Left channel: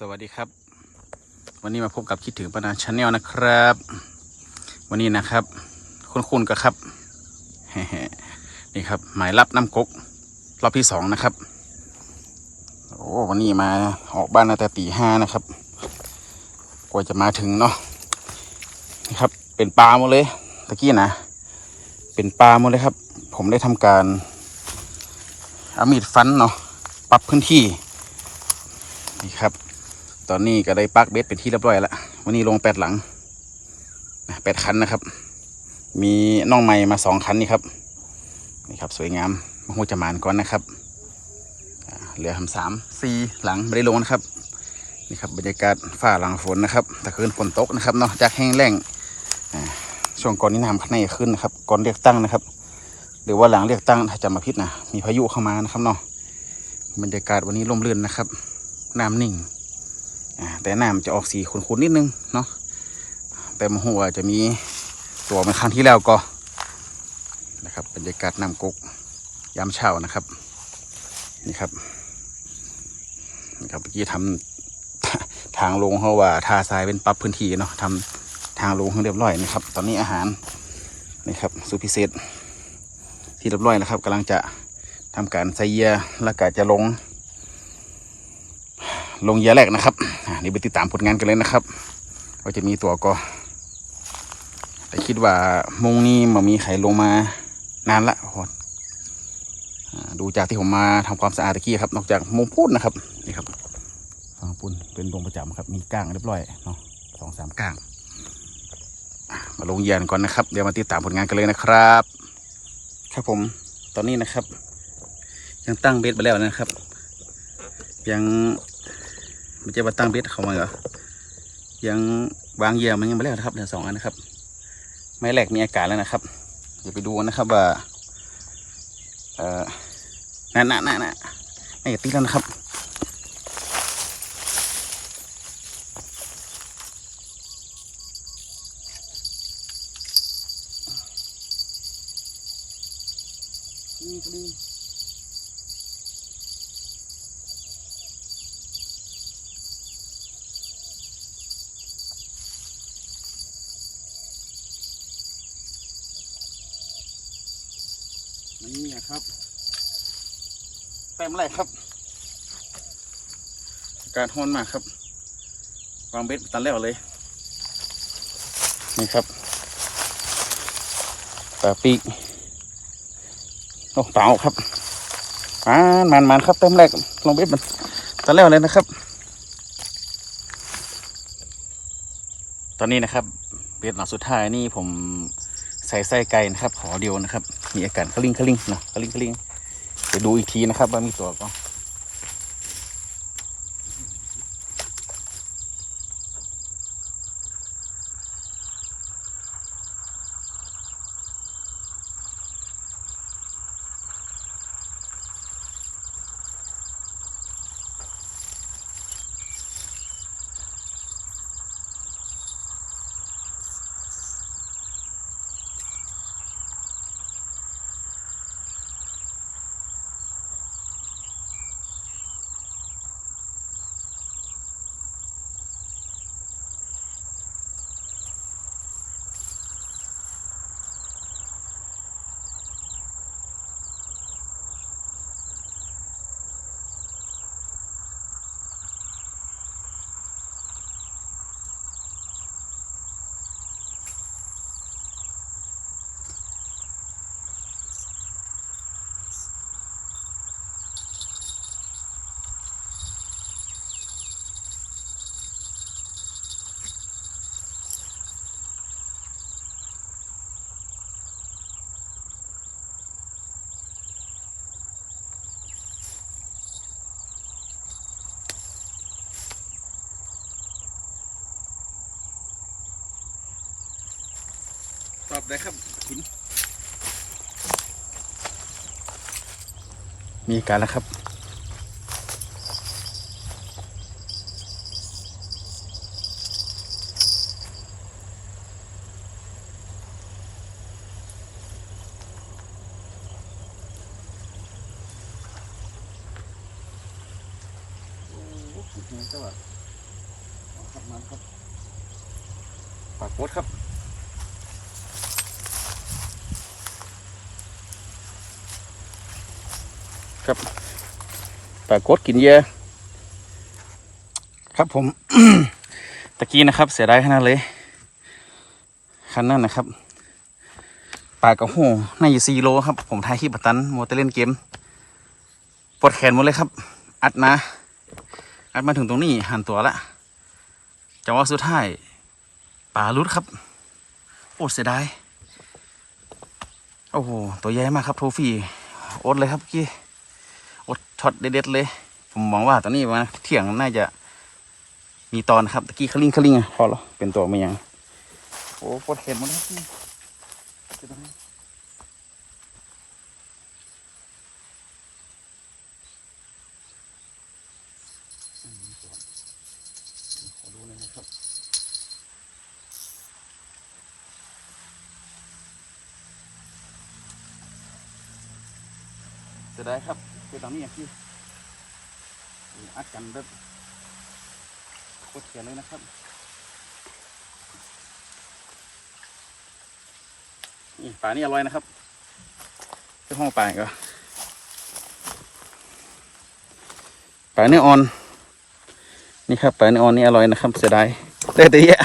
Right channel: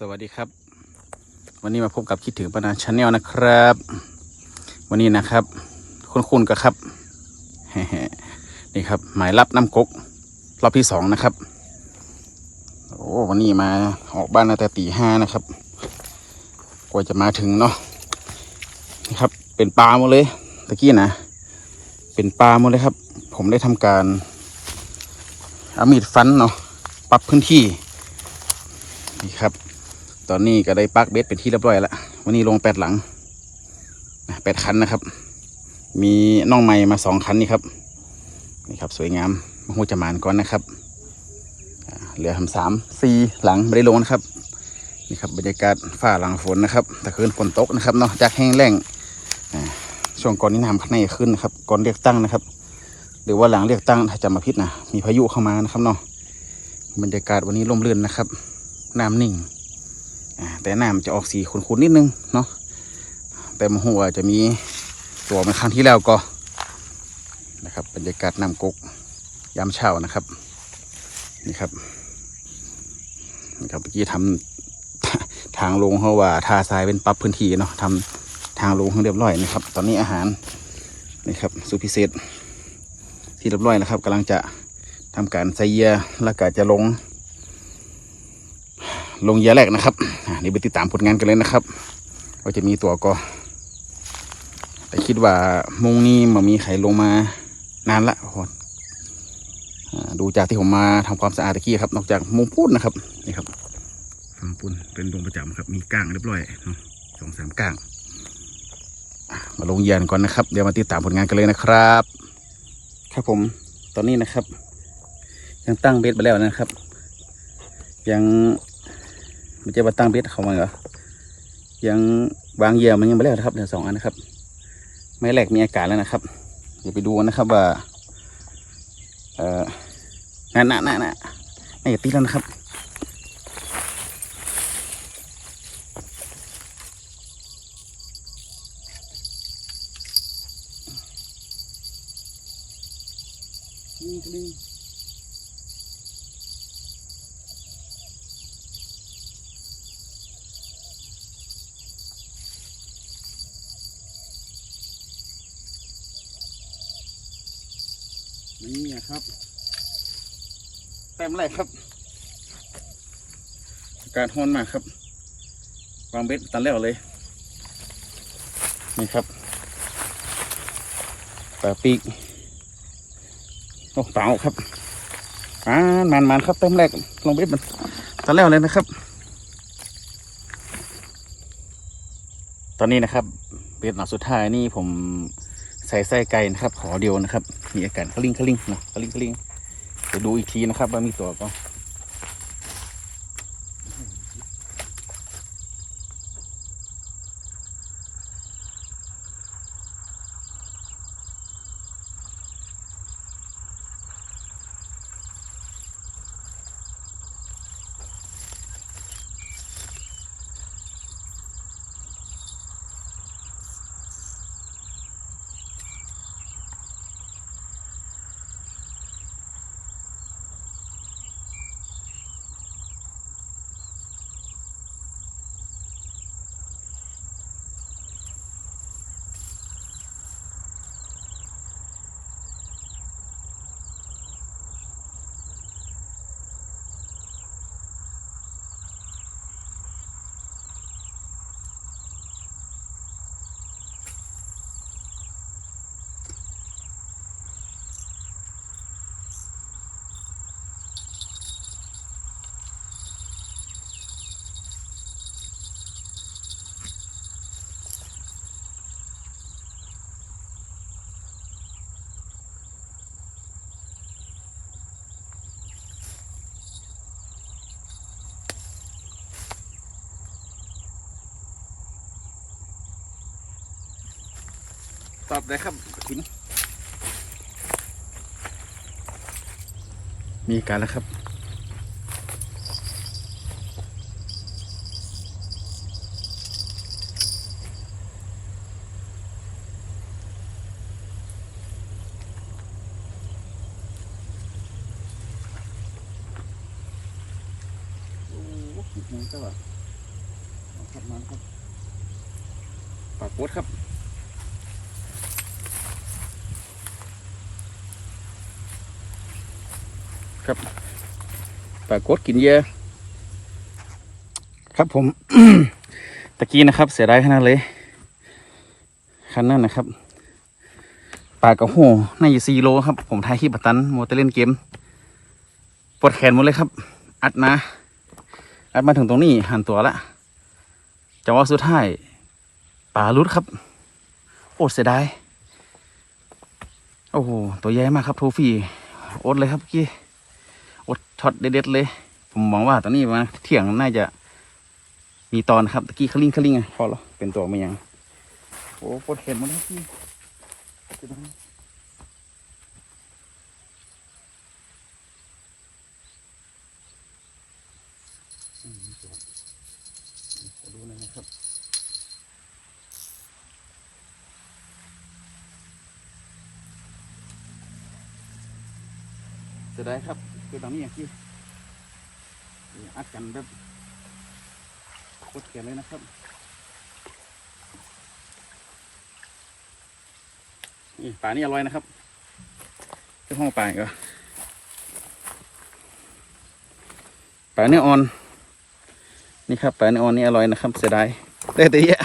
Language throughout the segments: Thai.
สวัสดีครับ วันนี้มาพบกับคิดถึงปนาชาแนลนะครับ วันนี้นะครับ คุณคุณก็ครับนี่ครับ หมายรับน้ำกกรอบที่สองนะครับโอ้วันนี้มาออกบ้านแต่ตีห้านะครับ กว่าจะมาถึงเนาะนี่ครับ เป็นปลาหมดเลยตะกี้นะ เป็นปลาหมดเลยครับ ผมได้ทำการเอามีดฟันเนาะปรับพื้นที่นี่ครับ ตอนนี้ก็ได้ปักเบ็ดเป็นที่เรียบร้อยแล้ววันนี้ลงแปดหลังแปดคันนะครับ มีน้องใหม่มาสองคันนี่ครับนี่ครับสวยงามมาหูจะมานก่อนนะครับเหลือทำสามสี่หลังไม่ได้ลงนะครับนี่ครับบรรยากาศฝ้าหลังฝนนะครับแต่คืนฝนตกนะครับเนาะจากแห้งแล้งช่วงก่อนนี้น้ำข้างในขึ้นนะครับก่อนเรียกตั้งนะครับ หรือว่าหลังเรียกตั้งถ้าจำมาพิษนะมีพายุเข้ามานะครับเนาะบรรยากาศวันนี้ร่มรื่นนะครับ น้ำนิ่ง แต่น้ำจะออกสีขุ่นๆนิดนึงเนาะแต่มหัวจะมีตัวเหมาครั้งที่แล้วก็นะครับ บรรยากาศน้ำกกยามเช้านะครับนี่ครับนี่ครับเมื่อกี้ทำทางลงเพราะว่าทาทรายเป็นปรับพื้นที่เนาะทำทางลงให้เรียบร้อยนะครับ ตอนนี้อาหารนี่ครับสูพิเศษที่เรียบร้อยนะครับกำลังจะทำการใส่เยื่อแล้วก็จะลง ลงเยื่อแรกนะครับนี่ไปติดตามผลงานกันเลยนะครับว่าจะมีตัวก็แต่คิดว่ามุงนี้มันมีใครลงมานานละโอ้ดูจากที่ผมมาทำความสะอาดตะกี้ครับ นอกจากมุงพูดนนะครับนี่ครับฟังปุ้นเป็นลงประจำครับ มีก้างเรียบร้อยเนาะสองสามก้างมาลงเยื่อก่อนนะครับ เดี๋ยวมาติดตามผลงานกันเลยนะครับ ครับผมตอนนี้นะครับ ยังตั้งเบสไปแล้วนะครับ ยัง ม่ใช่ว่าตั้งเบสเขามาเหรอยังวางเหยื่อมันยังไม่แล้วนะครับเดี๋ยวสองอันนะครับไม่แรกมีอากาศแล้วนะครับเดี๋ยวไปดูนะครับว่าเอ่อน่ะน่ะน่ะน่ะไม่ตีแล้วนะครับนี่ก็นี่ นี่นะครับเต็มเลยครับอากาศร้อนมากครับวางเบ็ดตันแล้วเลย นี่ครับปลาปีกโอ้เปล่าครับมันมันมันครับเต็มแรกลงเบ็ดมันตอนแล้วเลยนะครับ ตอนนี้นะครับเบ็ดหลังสุดท้ายนี่ผม ส่ไส้ไก่นะครับขอเดียวนะครับ มีอาการคลิ้งคลิ้งเนาะคลิ้งคลิ้งไปดูอีกทีนะครับว่ามีตัวก็ อบได้ครับหิน มีการแล้วครับโอ้โหเจ้าว่ะเอาครับมาแล้วครับปากโคตรครับ ครับปลากดกินเยอะครับผม ตะกี้นะครับ เสียดายขนาดเลยคันนั้นนะครับปลากระโหน่าอยู่สี่โลครับ ผมถ่ายคลิปปัตตันโมเตเล่นเกมปวดแขนหมดเลยครับ อัดมา อัดมาถึงตรงนี้หันตัวละจังหวะสุดท้ายปลาลุดครับโอ้เสียดายโอ้โหตัวใหญ่มากครับโทฟี่อดเลยครับกี้ ช็อตเด็ดๆเลย ผมมองว่าตอนนี้มาเที่ยงน่าจะมีตอนครับตะกี้คลิงคลิงพอแล้วเป็นตัวไม่ยังโอ้ปวดเห็นหมดเลยพี่จะต้องอืมมีตัวขอดูหน่อยนะครับจะได้ครับ คือตอนนี้อย่างที่อัดกันแบบโคตรเขียนเลยนะครับนี่ปลานี่อร่อยนะครับเจ้าห้องปลาอีกเหรอปลาเนื้ออ่อน นี่ครับปลาเนื้ออ่อนนี่อร่อยนะครับ เสียดายได้แต่เยอะ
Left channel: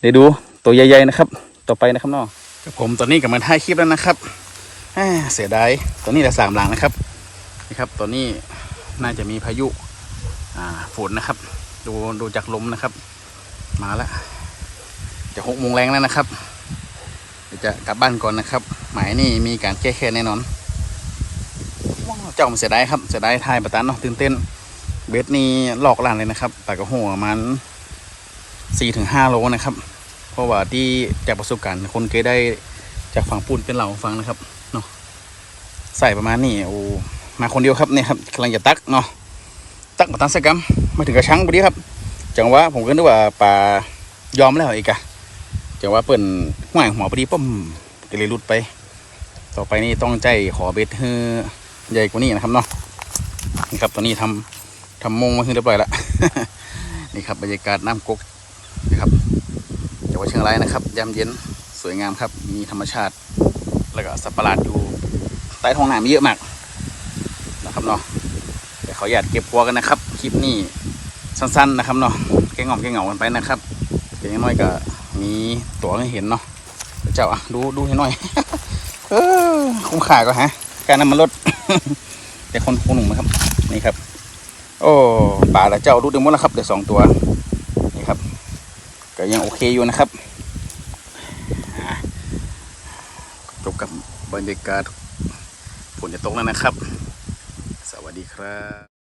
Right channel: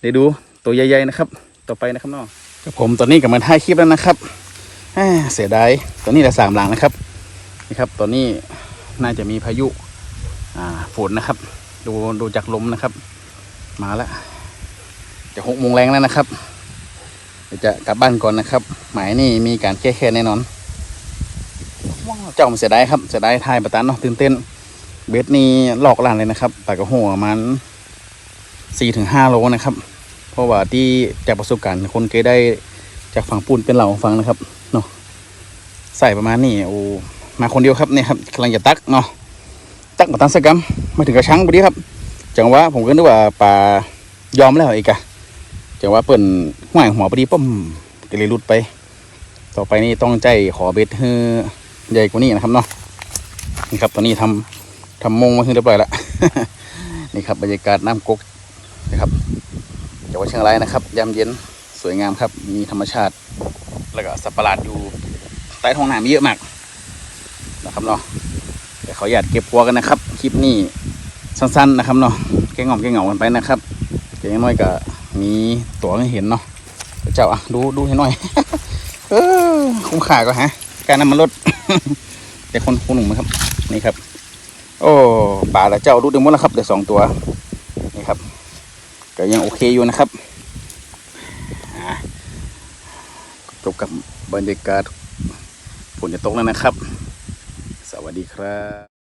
เดี๋ยวดูตัวใหญ่ๆนะครับ ต่อไปนะครับน้องกับผมตอนนี้กำลังถ่ายคลิปแล้วนะครับเสียดายตอนนี้เหลือสามหลังนะครับ นี่ครับ ตอนนี้น่าจะมีพายุฝนนะครับ ดูดูจากลมนะครับ มาแล้วจะหกโมงแรงแล้วนะครับเดี๋ยวจะกลับบ้านก่อนนะครับ หมายนี่มีการแก้แค้นแน่นอนว้าเจ้ามันเสียดายครับเสียดายทายประตันเนาะตื่นเต้น เบสนี่หลอกล่านเลยนะครับปากกระหัวมันสี่ถึงห้าโลนะครับ เพราะว่าที่จากประสบการณ์คนเคยได้จากฝั่งปูนเป็นเหล่าฟังนะครับเนาะใส่ประมาณนี้โอ้ มาคนเดียวครับเนี่ยครับกำลังจะตักเนาะตักมาตั้งสักกรรมมาถึงกระชังพอดีครับ จังหวะผมก็นึกว่าปลายอมแล้วอีกอะจังหวะเปิ่นห่วยหัวพอดีปุ๊มก็เลยหลุดไป ต่อไปนี่ต้องใจขอเบ็ดให้ใหญ่กว่านี้นะครับเนาะนี่ครับตอนนี้ทำทำมงมาขึ้นเรียบร้อยล้วนี่ครับบรรยากาศน้ำกกนะครับจังหวัดเชียงรายนะครับยามเย็นสวยงามครับ มีธรรมชาติ แล้วก็สัตว์ประหลาดอยู่ใต้ท้องน้ำเยอะมาก นะครับเนาะแต่เขาอยากเก็บกัวกันนะครับ คลิปนี้สั้นๆนะครับเนาะแค่งอมแค่เหงากันไปนะครับแต่อยังน้อยก็มีตัวให้เห็นเนาะเจ้าอะดูดูให้หน่อย เออคุ้มค่าก็ฮะ การน้ำมันลดแต่คนคนหนุ่มนะครับ นี่ครับ โอ้ป่าแล้วเจ้าดูดึงหมดแล้วครับเดี๋ยวสองตัวนี่ครับก็ยังโอเคอยู่นะครับจบกับบรรยากาศฝนจะตกแล้วนะครับ วัสดีครับ